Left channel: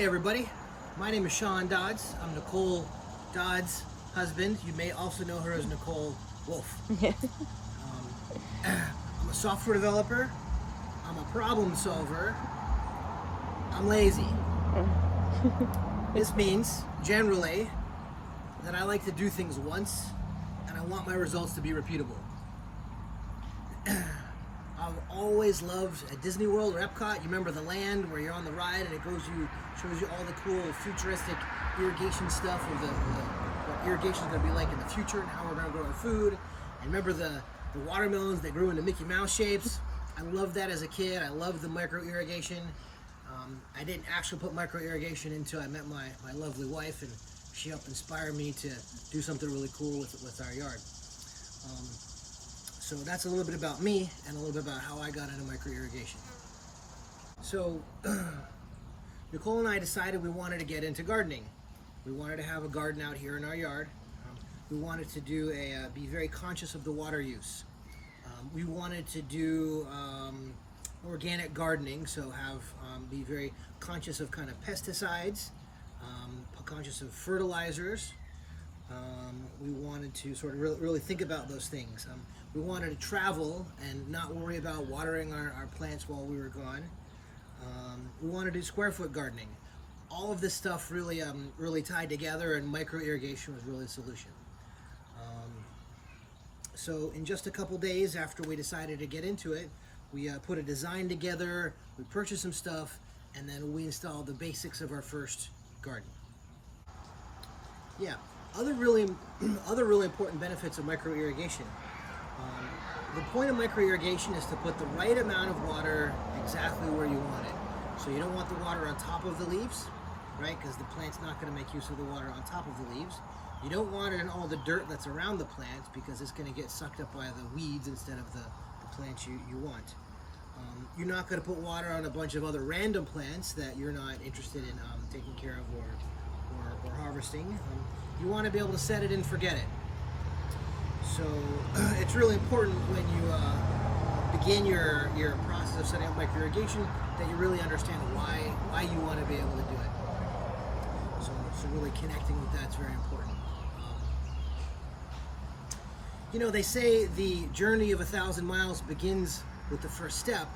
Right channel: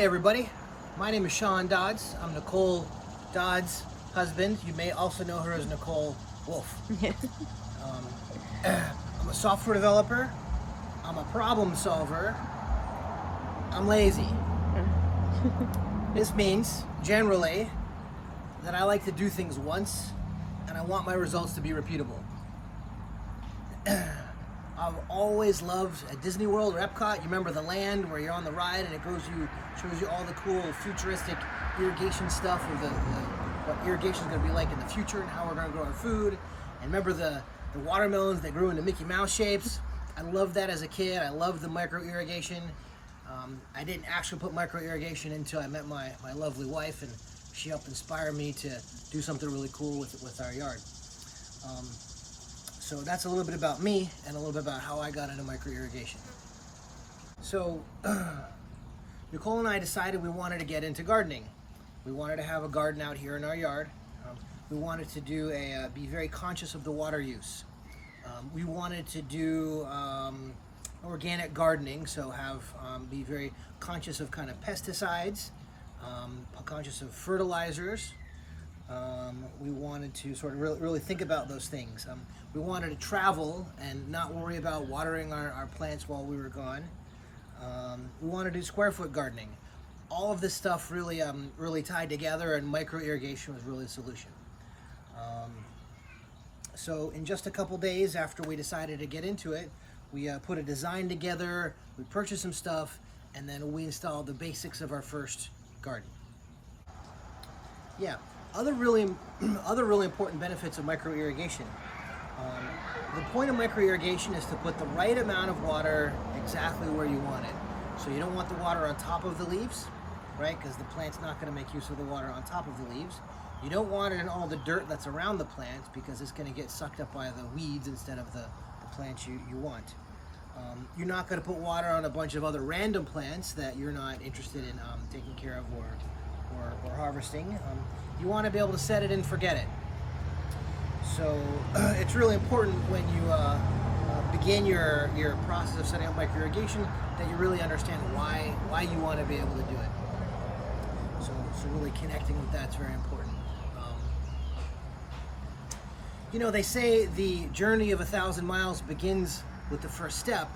Hey everybody, my name is Sean Dodds. I'm Nicole Dodds' husband. You may also know her as Nicole Wolf. I'm a software developer. I'm a problem solver. I'm lazy. This means, generally, that I like to do things once and I want my results to be repeatable. I've always loved at Disney World or Epcot, you remember the land where you're on the ride and it shows you all the cool futuristic irrigation stuff of what irrigation is going to be like in the future and how we're going to grow our food. And remember the watermelons that grew into Mickey Mouse shapes? I loved that as a kid. I loved the micro-irrigation. I didn't actually put micro-irrigation until I met my lovely wife, and she helped inspire me to do something really cool with our yard. So that's a little bit about me and a little bit about how I got into micro-irrigation. So Nicole and I decided we wanted to get into gardening. We wanted to have a garden out here in our yard. We wanted to do be very conscious of the water use. We wanted to do organic gardening, so be very conscious of kind of pesticides, conscious of fertilizers. We wanted to sort of really think about those things. We wanted to travel and not worry about watering our plants while we were gone. We wanted to do square foot gardening. All of this stuff really tied together, and micro-irrigation was really a solution. So in just a couple days after we decided to get into it, we put a design together, we purchased some stuff, and then we installed the basics of our first garden. Yeah, other really important benefits of micro-irrigation. The point of micro-irrigation is to put the right amount of water exactly where you want it. So you don't want the water on top of the leaves, right? Because the plant's not going to make use of the water on top of the leaves. You don't want it in all the dirt that's around the plants because it's going to get sucked up by the weeds instead of the plants you want. You're not going to put water on a bunch of other random plants that you're not interested in taking care of or harvesting. You want to be able to set it and forget it. So it's really important when you begin your process of setting up micro-irrigation that you really understand why you want to be able to do it. So really connecting with that's very important. You know, they say the journey of 1,000 miles begins with the first step,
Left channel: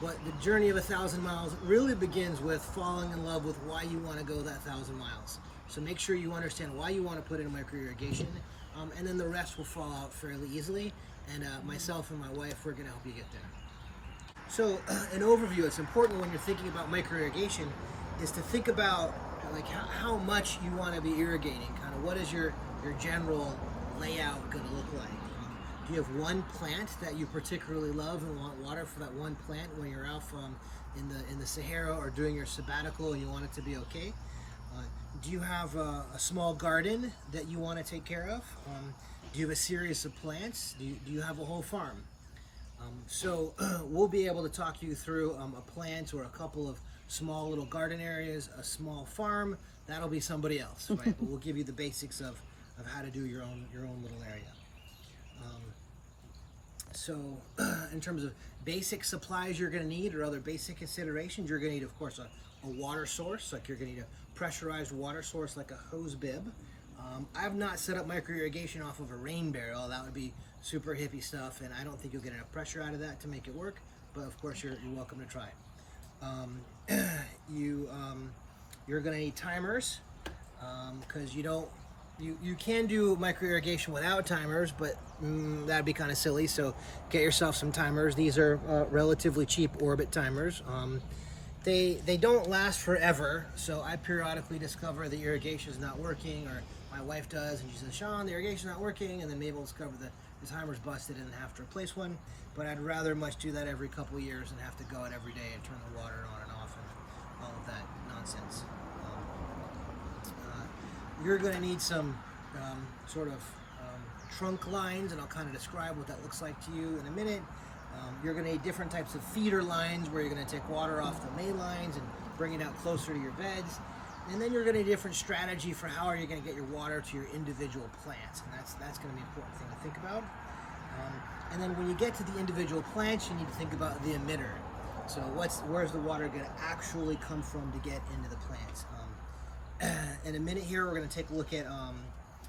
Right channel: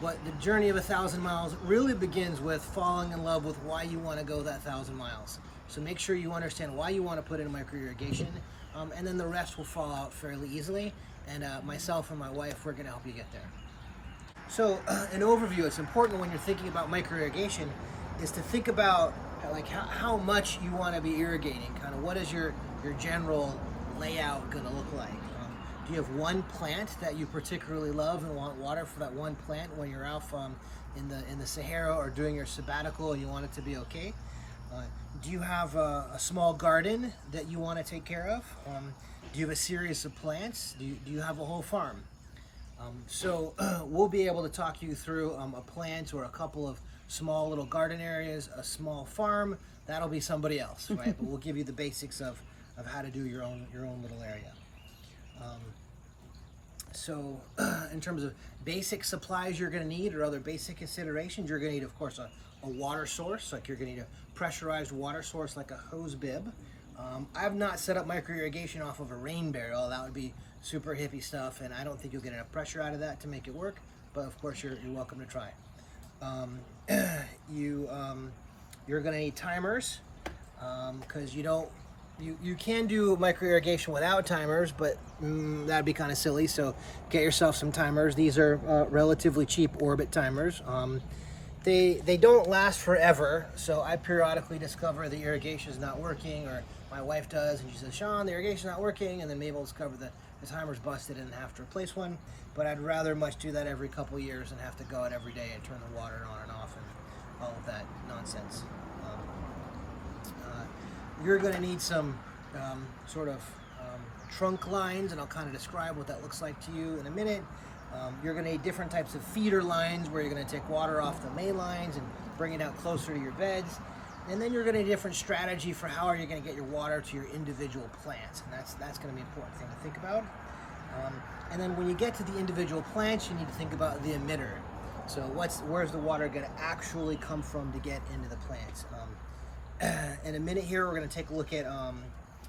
but the journey of 1,000 miles really begins with falling in love with why you want to go that 1,000 miles. So make sure you understand why you want to put in micro-irrigation, and then the rest will fall out fairly easily. And myself and my wife, we're going to help you get there. So an overview, it's important when you're thinking about micro-irrigation is to think about like how much you want to be irrigating, kind of what is your general layout going to look like. Do you have one plant that you particularly love and want water for that one plant when you're out in the Sahara or doing your sabbatical and you want it to be okay? Do you have a small garden that you want to take care of? Do you have a series of plants? Do you have a whole farm? So we'll be able to talk you through a plant or a couple of small little garden areas, a small farm. That'll be somebody else, right? But we'll give you the basics of how to do your own little area. So in terms of basic supplies you're going to need or other basic considerations, you're going to need, of course, a water source. Like you're going to need a pressurized water source like a hose bib. I've not set up micro-irrigation off of a rain barrel. That would be super hippie stuff, and I don't think you'll get enough pressure out of that to make it work, but of course you're welcome to try it. You're going to need timers because you can do micro-irrigation without timers, but that'd be kind of silly, so get yourself some timers. These are relatively cheap Orbit timers. They don't last forever, so I periodically discover the irrigation is not working, or my wife does, and she says, Sean, the irrigation's not working, and then Mabel discovered that the timer's busted and have to replace one. But I'd rather much do that every couple years and have to go out every day and turn the water on and off and all of that nonsense. You're going to need some sort of trunk lines, and I'll kind of describe what that looks like to you in a minute. You're going to need different types of feeder lines where you're going to take water off the main lines and bring it out closer to your beds. And then you're going to need a different strategy for how are you going to get your water to your individual plants. And that's going to be an important thing to think about. And then when you get to the individual plants, you need to think about the emitter. So where's the water going to actually come from to get into the plants? In a minute here, we're going to take a look at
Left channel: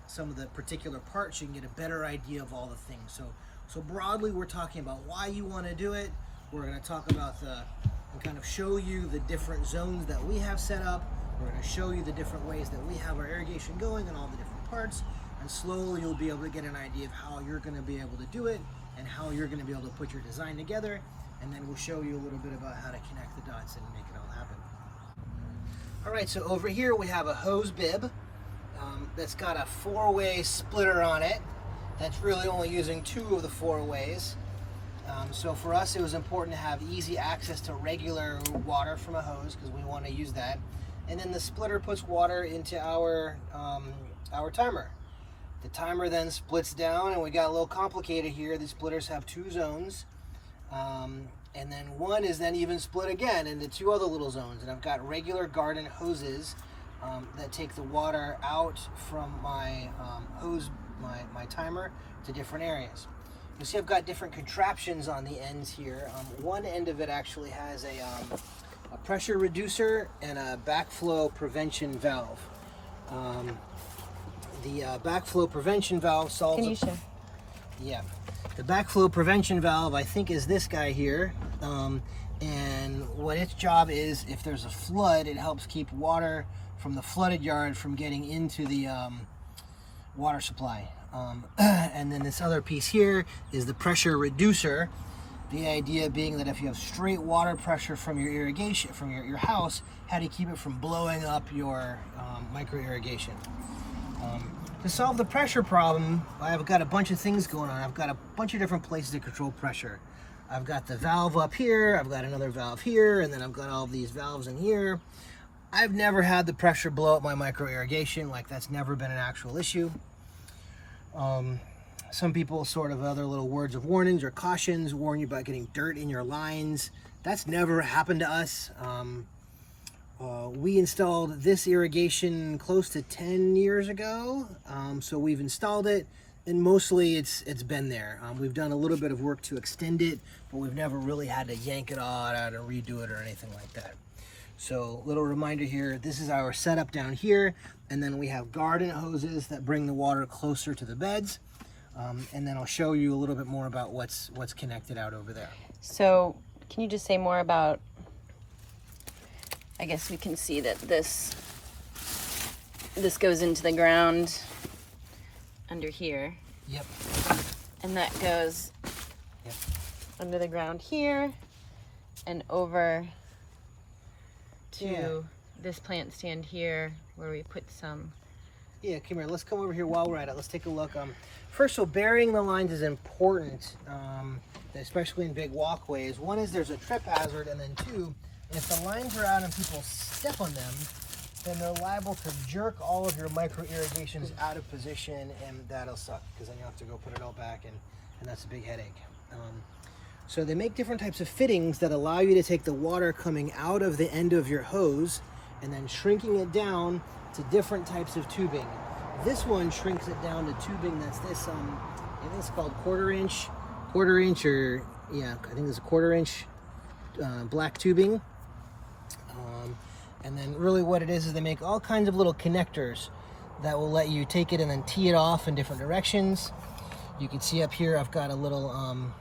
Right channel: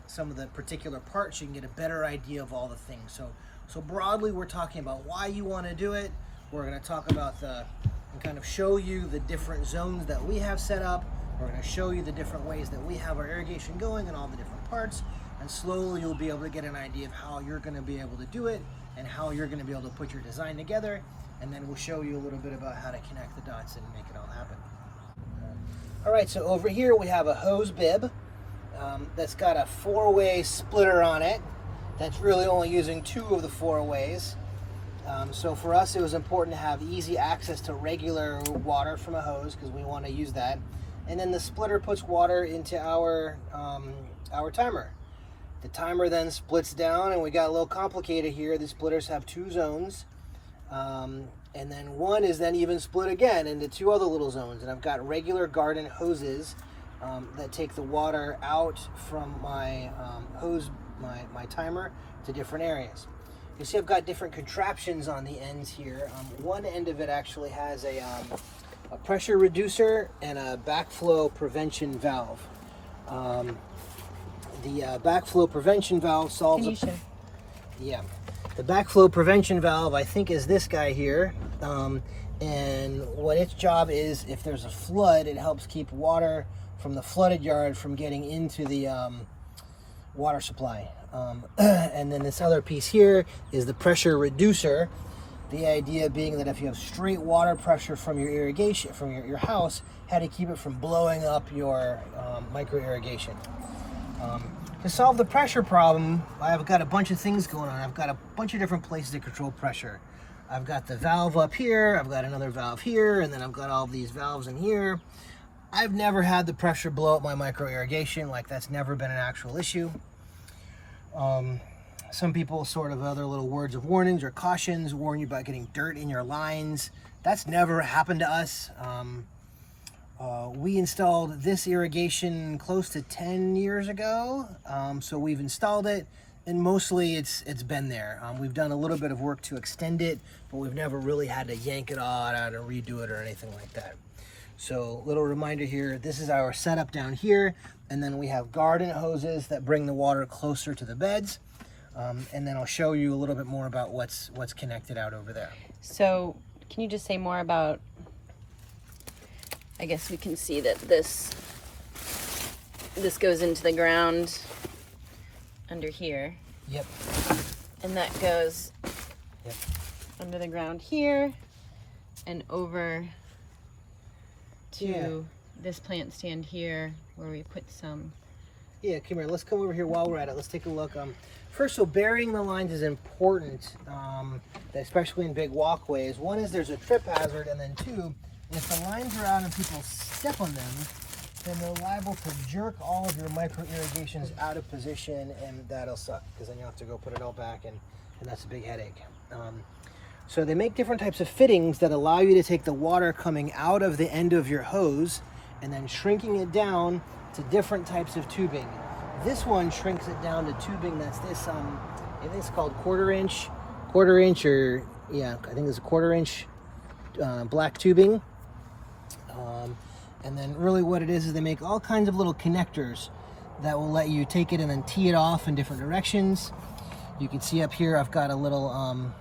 some of the particular parts. You can get a better idea of all the things. So broadly, we're talking about why you want to do it. We're going to talk about and kind of show you the different zones that we have set up. We're going to show you the different ways that we have our irrigation going and all the different parts. And slowly you'll be able to get an idea of how you're going to be able to do it and how you're going to be able to put your design together. And then we'll show you a little bit about how to connect the dots and make it all happen. All right, so over here we have a hose bib that's got a 4-way splitter on it. That's really only using 2 of the 4 ways. So for us, it was important to have easy access to regular water from a hose because we want to use that. And then the splitter puts water into our timer. The timer then splits down, and we got a little complicated here. The splitters have 2 zones. And then one is then even split again into 2 other little zones. And I've got regular garden hoses that take the water out from my hose, my timer, to different areas. You see I've got different contraptions on the ends here. One end of it actually has a pressure reducer and a backflow prevention valve. The backflow prevention valve solves... Can you show? Yeah. The backflow prevention valve, I think, is this guy here. And what its job is, if there's a flood, it helps keep water from the flooded yard from getting into the water supply. And then this other piece here is the pressure reducer. The idea being that if you have straight water pressure from your irrigation, from your house, how to keep it from blowing up your micro irrigation. To solve the pressure problem, I've got a bunch of things going on. I've got a bunch of different places to control pressure. I've got the valve up here, I've got another valve here, and then I've got all these valves in here. I've never had the pressure blow up my micro irrigation. Like, that's never been an actual issue. Some people sort of other little words of warnings or cautions warn you about getting dirt in your lines. That's never happened to us. We installed this irrigation close to 10 years ago, so we've installed it, and mostly it's been there. We've done a little bit of work to extend it, but we've never really had to yank it all out and redo it or anything like that. So, little reminder here, this is our setup down here, and then we have garden hoses that bring the water closer to the beds, and then I'll show you a little bit more about what's connected out over there. So, can you just say more about, I guess we can see that this goes into the ground under here. Yep. And that goes Yep. under the ground here and over to this plant stand here where we put some. Yeah, come here. Let's come over here while we're at it. Let's take a look. First, so burying the lines is important, especially in big walkways. One is there's a trip hazard, and then 2, if the lines are out and people step on them, then they're liable to jerk all of your micro irrigations out of position, and that'll suck because then you'll have to go put it all back, and that's a big headache. So they make different types of fittings that allow you to take the water coming out of the end of your hose and then shrinking it down to different types of tubing. This one shrinks it down to tubing that's this, I think it's called quarter inch, or yeah, I think it's a 1/4 inch black tubing. And then really what it is they make all kinds of little connectors that will let you take it and then tee it off in different directions. You can see up here I've got a little,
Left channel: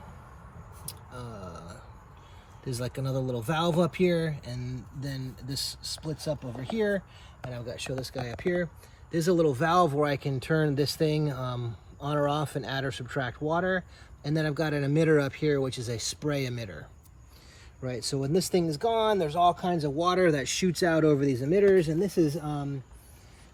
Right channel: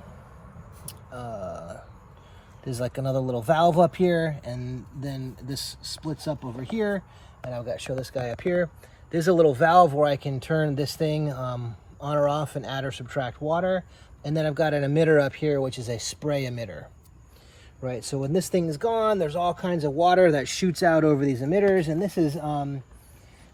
there's like another little valve up here, and then this splits up over here, and I've got to show this guy up here. There's a little valve where I can turn this thing on or off and add or subtract water, and then I've got an emitter up here which is a spray emitter. Right, so when this thing is gone, there's all kinds of water that shoots out over these emitters, and this is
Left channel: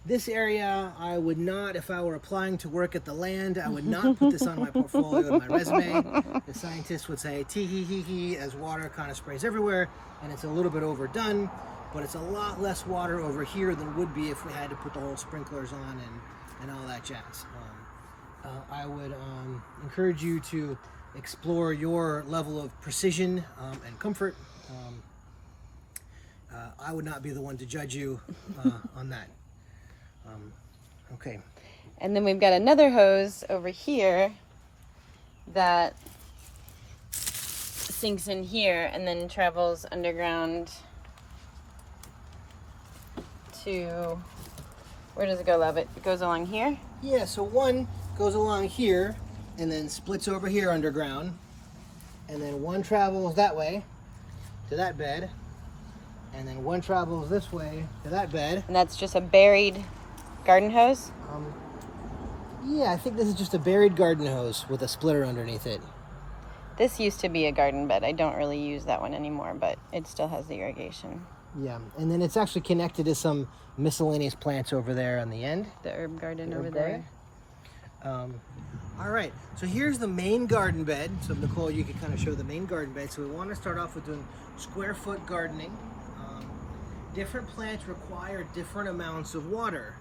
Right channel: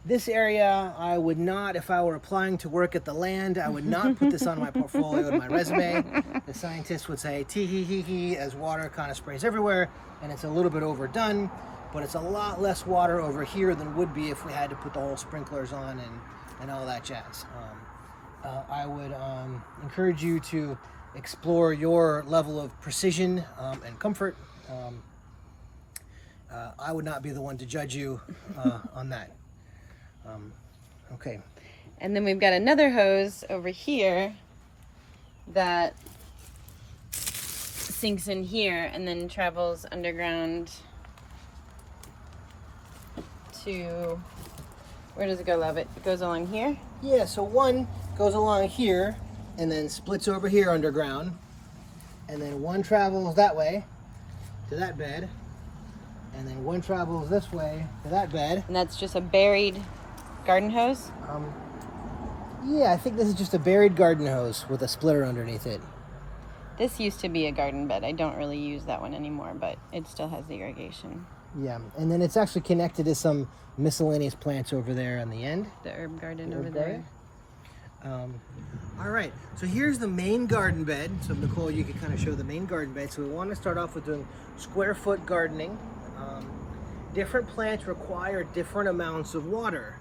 this area. I would not, if I were applying to work at the land, I would not put this on my portfolio and my resume. The scientists would say tee hee hee hee as water kind of sprays everywhere, and it's a little bit overdone, but it's a lot less water over here than would be if we had to put the whole sprinklers on and all that jazz. I would encourage you to explore your level of precision and comfort. I would not be the one to judge you on that. Okay. And then we've got another hose over here that sinks in here and then travels underground to, where does it go, love? It goes along here? Yeah, so one goes along here and then splits over here underground. And then one travels that way to that bed. And then one travels this way to that bed. And that's just a buried garden hose? Yeah, I think this is just a buried garden hose with a splitter underneath it. This used to be a garden bed. I don't really use that one anymore, but it still has the irrigation. Yeah, and then it's actually connected to some miscellaneous plants over there on the end. The herb garden over there. All right, so here's the main garden bed. So Nicole, you can kind of show the main garden bed. So we want to start off with doing square foot gardening. Different plants require different amounts of water.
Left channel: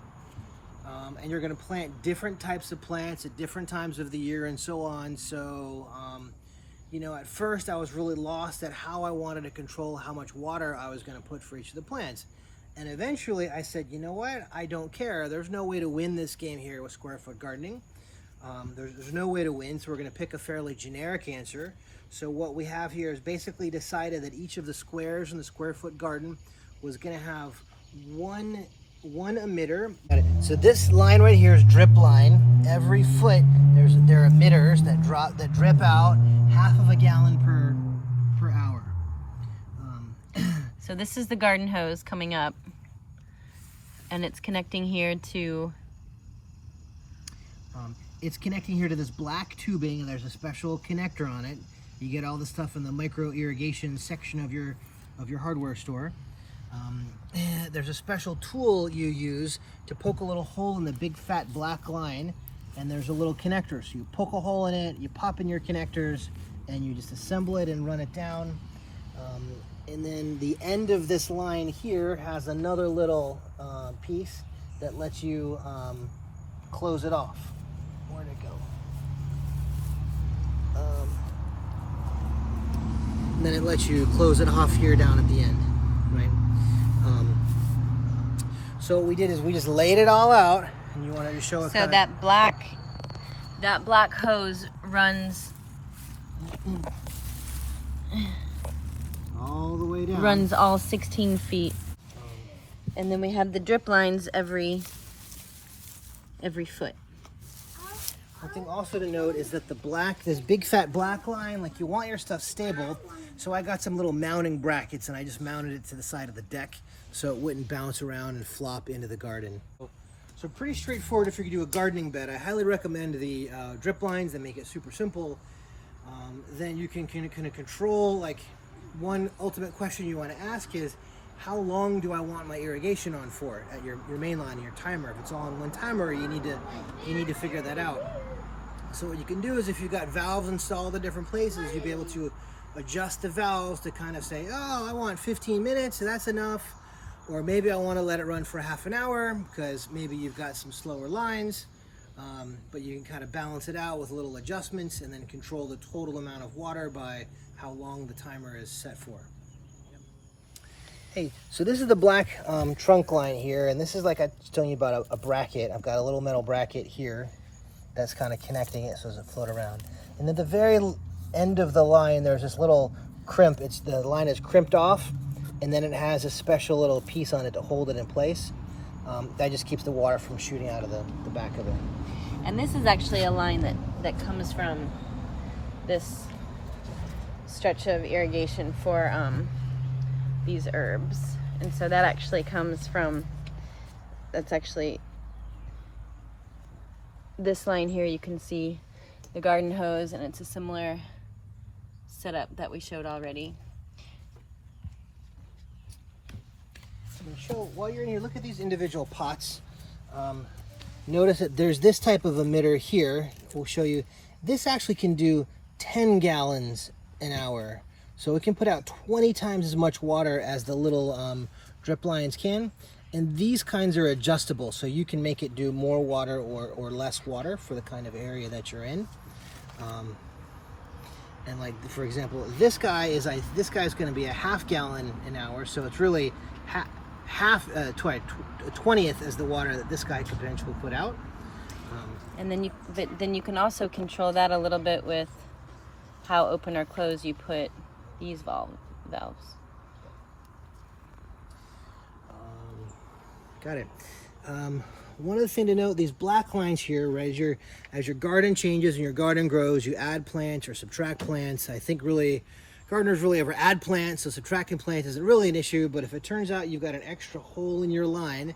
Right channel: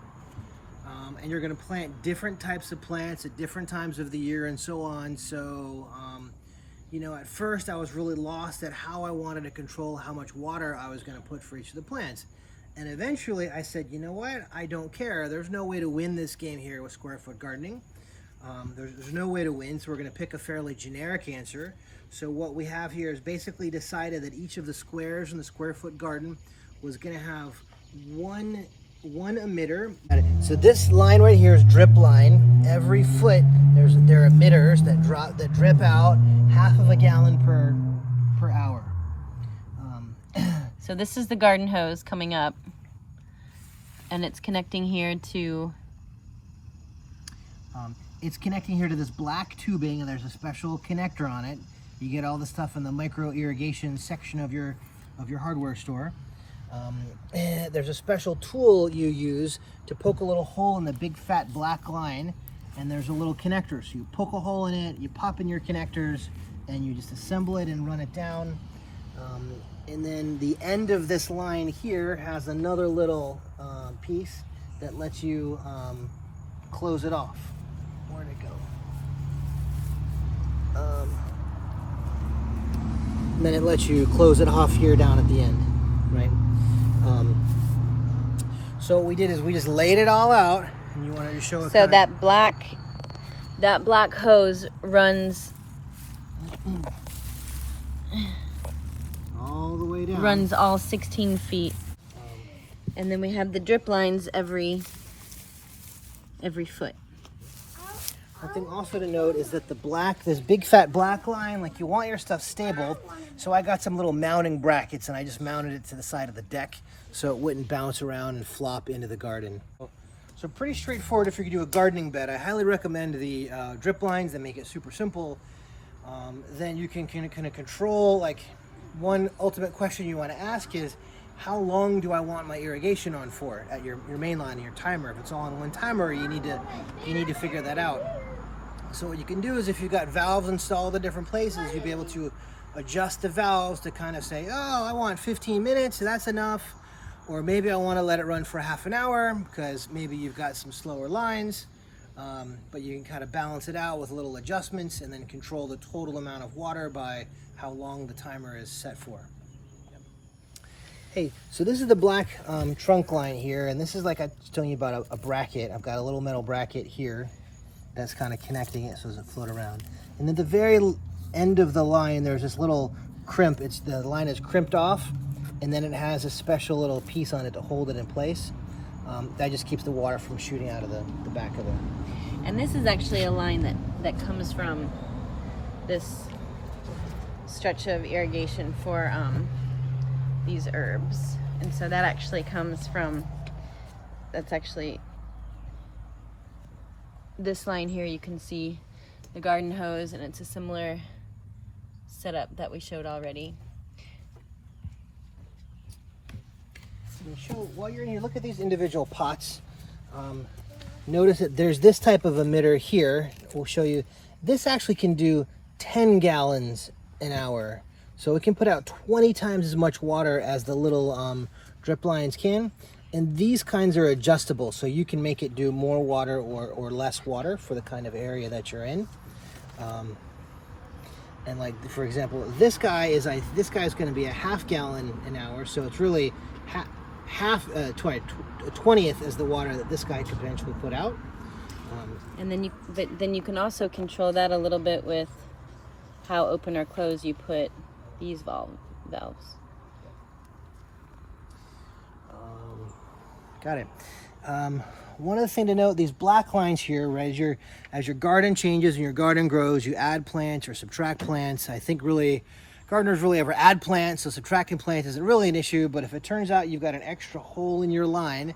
And you're going to plant different types of plants at different times of the year and so on. So, you know, at first I was really lost at how I wanted to control how much water I was going to put for each of the plants. And eventually I said, you know what, I don't care. There's no way to win this game here with square foot gardening. There's no way to win, so we're going to pick a fairly generic answer. So what we have here is basically decided that each of the squares in the square foot garden was going to have one emitter. So this line right here is drip line. Every foot there are emitters that drip out half of a gallon per hour. So this is the garden hose coming up, and it's connecting here to this black tubing, and there's a special connector on it. You get all the stuff in the micro-irrigation section of your hardware store. There's a special tool you use to poke a little hole in the big fat black line, and there's a little connector. So you poke a hole in it, you pop in your connectors, and you just assemble it and run it down. And then the end of this line here has another little piece that lets you close it off. Where'd it go? And then it lets you close it off here down at the end, right? So what we did is we just laid it all out, and you wanted to show it. So that black hose runs all the way down. Runs all 16 feet. And then we have the drip lines every foot. One thing also to note is that this big fat black line, like, you want your stuff stable. So I got some little mounting brackets, and I just mounted it to the side of the deck so it wouldn't bounce around and flop into the garden. So pretty straightforward if you're gonna do a gardening bed. I highly recommend the drip lines that make it super simple. Then you can kind of control, like, one ultimate question you want to ask is, how long do I want my irrigation on for at your main line, your timer? If it's all on one timer, you need to figure that out. So what you can do is, if you've got valves installed in different places, you'll be able to adjust the valves to kind of say, oh, I want 15 minutes, so that's enough. Or maybe I want to let it run for half an hour because maybe you've got some slower lines. But you can kind of balance it out with little adjustments and then control the total amount of water by how long the timer is set for. Yep. Hey, so this is the black trunk line here, and this is, like I was telling you about, a bracket. I've got a little metal bracket here that's kind of connecting it so it doesn't float around. And at the very end of the line, there's this little crimp. The line is crimped off, and then it has a special little piece on it to hold it in place. That just keeps the water from shooting out of the back of it. And this is actually a line that comes from this stretch of irrigation for these herbs. And so that actually comes from, that's actually this line here. You can see the garden hose, and it's a similar setup that we showed already. While you're in here, look at these individual pots. Notice that there's this type of emitter here. We'll show you. This actually can do 10 gallons an hour. So it can put out 20 times as much water as the little drip lines can. And these kinds are adjustable, so you can make it do more water or less water for the kind of area that you're in. And, like, for example, this guy is going to be a half gallon an hour, so it's really 20th is the water that this guy could potentially put out. And then you can also control that a little bit with how open or closed you put these valves. Got it. One other thing to note, these black lines here, right, as your garden changes and your garden grows, you add plants or subtract plants. I think really gardeners really ever add plants, so subtracting plants isn't really an issue. But if it turns out you've got an extra hole in your line,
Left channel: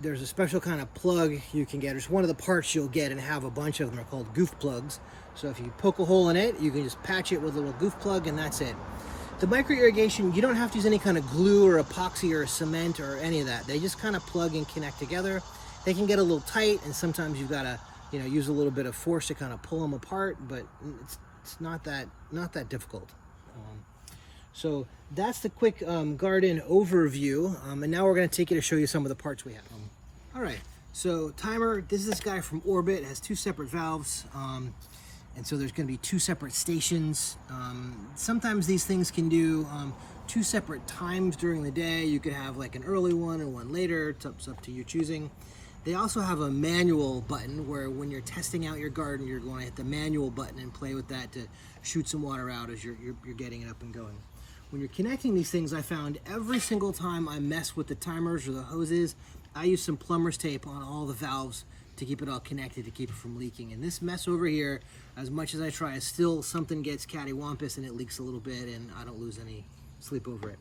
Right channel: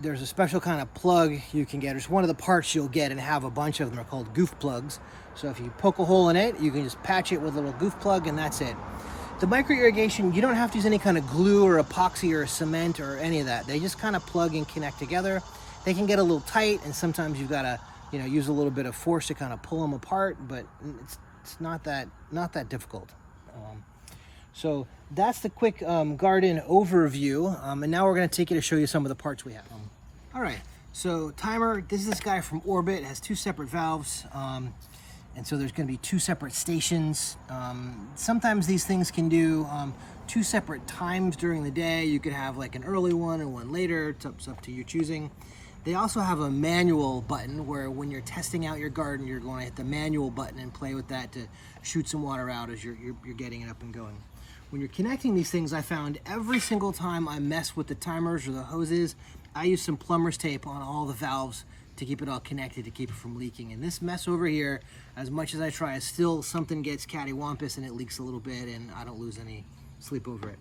there's a special kind of plug you can get. It's one of the parts you'll get and have a bunch of them. Are called goof plugs. So if you poke a hole in it, you can just patch it with a little goof plug and that's it. The micro irrigation, you don't have to use any kind of glue or epoxy or cement or any of that. They just kind of plug and connect together. They can get a little tight, and sometimes you've got to, use a little bit of force to kind of pull them apart. But it's not that difficult. So that's the quick garden overview. And now we're going to take you to show you some of the parts we have. All right. So timer. This is this guy from Orbit. It has two separate valves. And so there's going to be two separate stations. Sometimes these things can do two separate times during the day. You could have like an early one and one later. It's up to your choosing. They also have a manual button where when you're testing out your garden, you're going to hit the manual button and play with that to shoot some water out as you're getting it up and going. When you're connecting these things, I found every single time I mess with the timers or the hoses, I use some plumber's tape on all the valves to keep it all connected, to keep it from leaking. And this mess over here, as much as I try, still something gets cattywampus and it leaks a little bit, and I don't lose any sleep over it.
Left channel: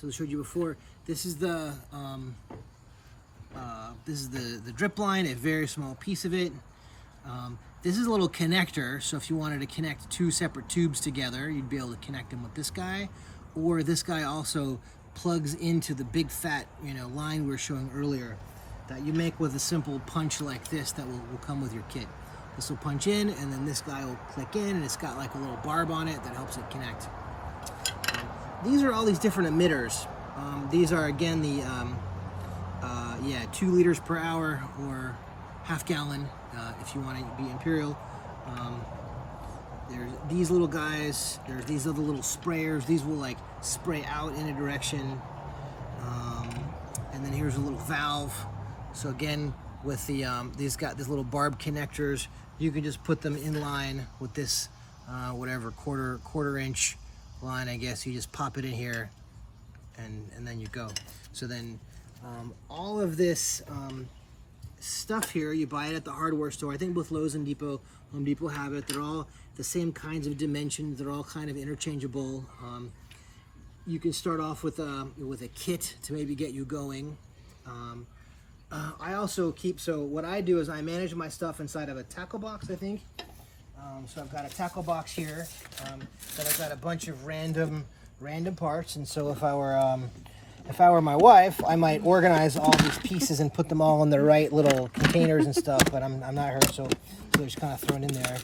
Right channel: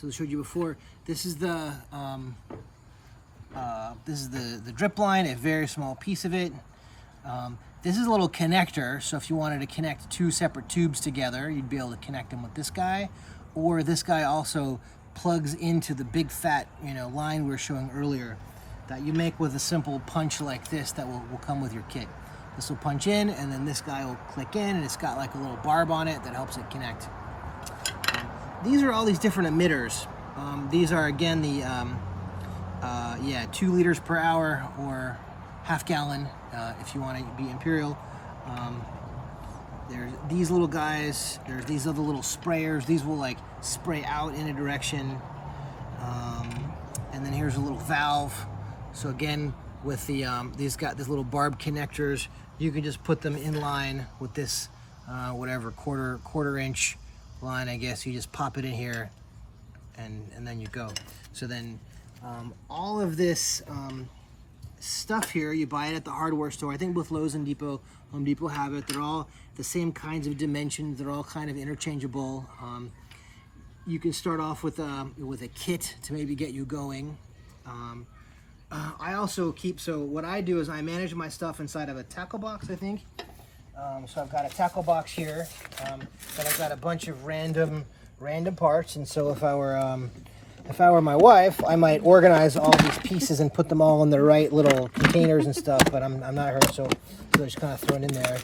So I showed you before. This is the drip line, a very small piece of it. This is a little connector, so if you wanted to connect two separate tubes together, you'd be able to connect them with this guy, or this guy also plugs into the big fat line we were showing earlier that you make with a simple punch like this that will come with your kit. This will punch in, and then this guy will click in, and it's got like a little barb on it that helps it connect. These are all these different emitters. These are again the 2 liters per hour or half gallon if you want to be imperial. There's these little guys. There's these other little sprayers. These will like spray out in a direction. And then here's a little valve. So again, with the these little barb connectors, you can just put them in line with this whatever quarter inch line. I guess you just pop it in here, and then you go. So then all of this stuff here, you buy it at the hardware store. I think both Lowe's and Home Depot have it. They're all the same kinds of dimensions. They're all kind of interchangeable. You can start off with a kit to maybe get you going. I also so what I do is I manage my stuff inside of a tackle box, I think. So I've got a tackle box here, but I've got a bunch of random parts, and so if I were my wife, I might organize all these pieces and put them all in the right little containers and stuff, but I'm not her, so they're just kind of thrown in there.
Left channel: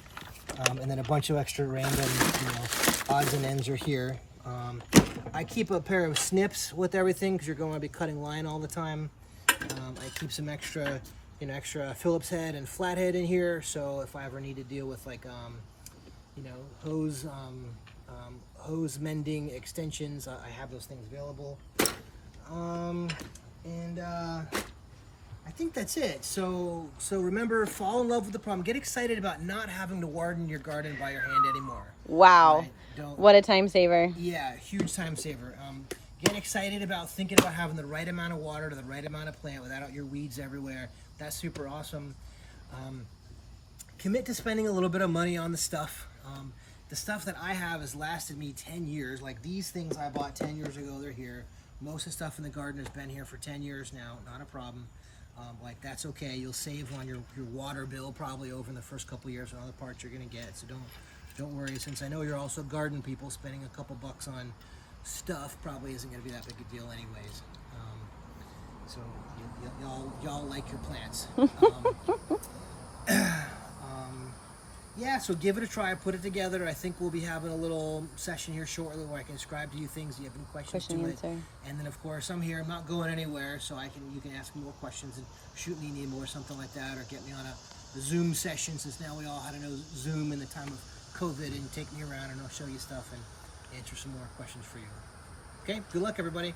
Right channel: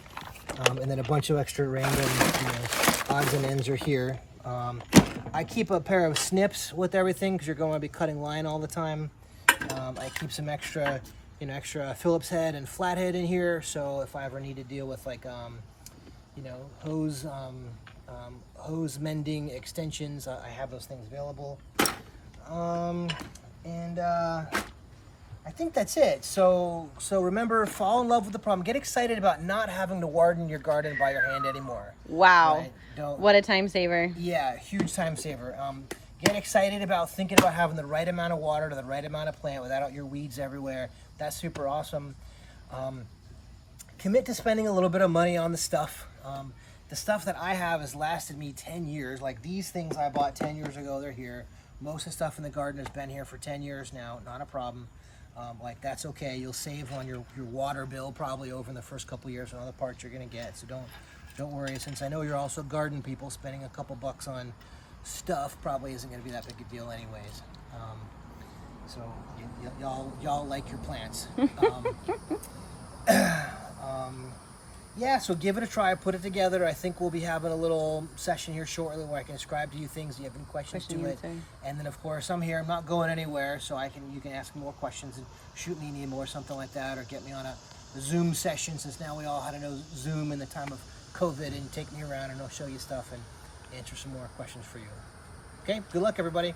And then a bunch of extra random odds and ends are here. I keep a pair of snips with everything because you're going to be cutting line all the time. I keep some extra Phillips head and flathead in here, so if I ever need to deal with like hose mending extensions, I have those things available. I think that's it. So remember, fall in love with the problem. Get excited about not having to warden your garden by your hand anymore. Wow. Right? What a time saver. Yeah, huge time saver. Get excited about thinking about having the right amount of water to the right amount of plant without your weeds everywhere. That's super awesome. Commit to spending a little bit of money on the stuff. The stuff that I have has lasted me 10 years. Like these things I bought 10 years ago, they're here. Most of the stuff in the garden has been here for 10 years now, not a problem. Like that's okay. You'll save on your water bill probably over in the first couple years on other parts you're gonna get. So don't worry. Since I know you're also garden people, spending a couple bucks on stuff probably isn't gonna be that big a deal anyways. So y'all like your plants. Yeah, so give it a try, put it together. I think we'll be having a little session here shortly where I can describe to you things. Do you have any questions to it? And then of course I'm here, I'm not going anywhere, so you can ask me more questions and shoot me an email or something like that, or get me on a Zoom session, since now we all had to know Zoom in the time of COVID, and take me around and I'll show you stuff and answer some more questions for you. Okay, good luck everybody.